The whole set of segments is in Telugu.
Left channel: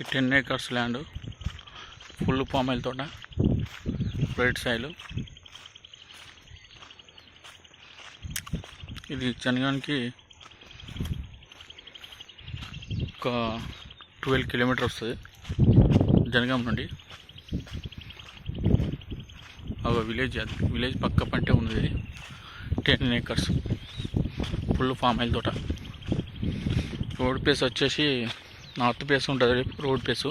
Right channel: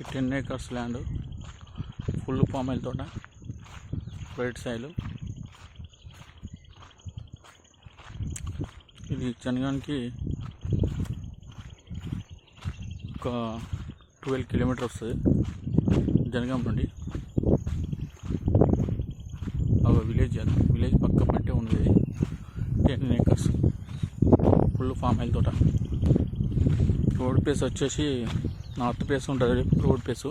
ఈ 10 acres land full palm oil తోట, రైట్ సైడ్. ఇది జనగానికి ఒక 12 కిలోమీటర్ వస్తుంది జనగాం నుండి. ఒక విలేజ్ పక్క పంటే ఉన్నది. ఇది 10 acres ఫుల్ ఫామ్ ఆయిల్ తోట. రోడ్ ప్లేస్ వచ్చేసి నార్త్ ప్లేస్ ఉంటుంది. రోడ్ ప్లేస్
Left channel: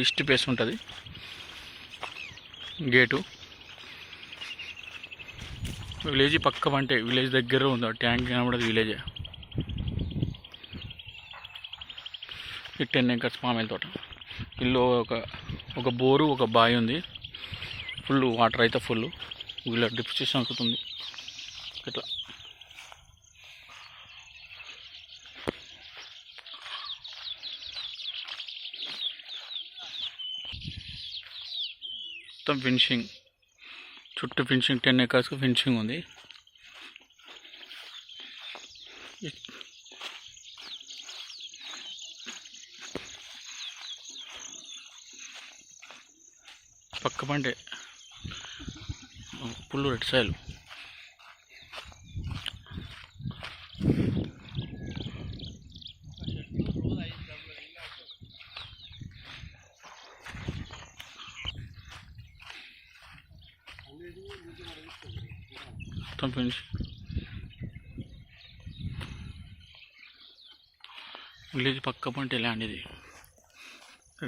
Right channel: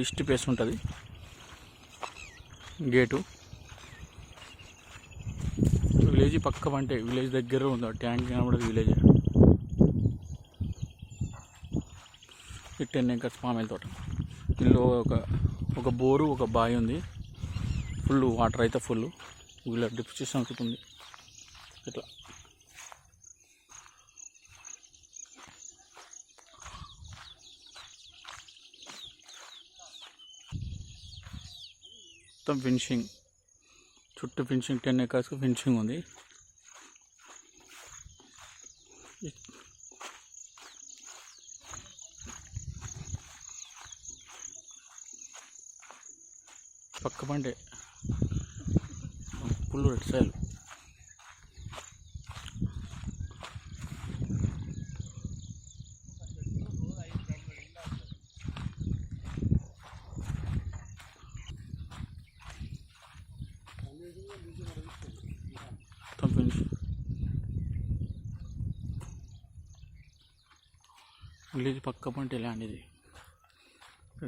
ఈస్ట్ ప్లేస్ ఉంటుంది. గేటు విలేజ్ పక్క పంటే, విలేజ్ దగ్గర ఉంది. ట్యాంక్ కనబడదు విలేజ్. ఈ 10 acres పామ్ ఆయిల్ తోట. ఇందులో ఒక బోరు, ఒక బావి ఉంది. ఫుల్ వాటర్ అయితే ఫుల్. వీళ్ళ డ్రిప్ సిస్టమ్ ఉంటుంది ఇట్లా. మొత్తం ఫినిషింగ్, చుట్టూ ఫినిషింగ్. 10 acres ఫినిషింగ్ ఉంది. పక్క పంటే ఫుల్ రెడ్ సైల్. మొత్తం ఫినిష్. విలేజ్ పక్క పంటే ల్యాండ్ ఇది.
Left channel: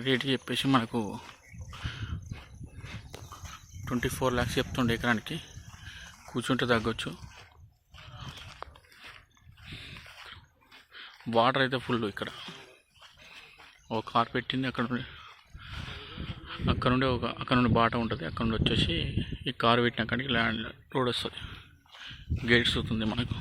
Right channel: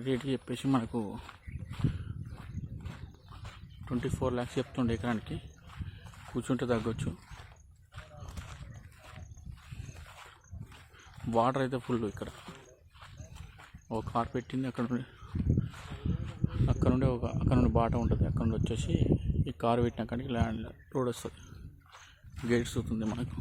రేట్ చెప్పేసి మనకు 24 lakhs చెప్తుండే ఎకరానికి. కూర్చుంటే తగ్గొచ్చు. వాటర్ అయితే ఫుల్. ఇక్కడ ఒక కార్ పెట్టింది. అక్కడ నుండి బాట ఉంటుంది. అక్కడ నుండి వచ్చేసి ఈ కారు పెట్టిన కాడికి ల్యాండ్ రోడ్ వస్తుంది. గేట్స్ అవుతుంది మనకు.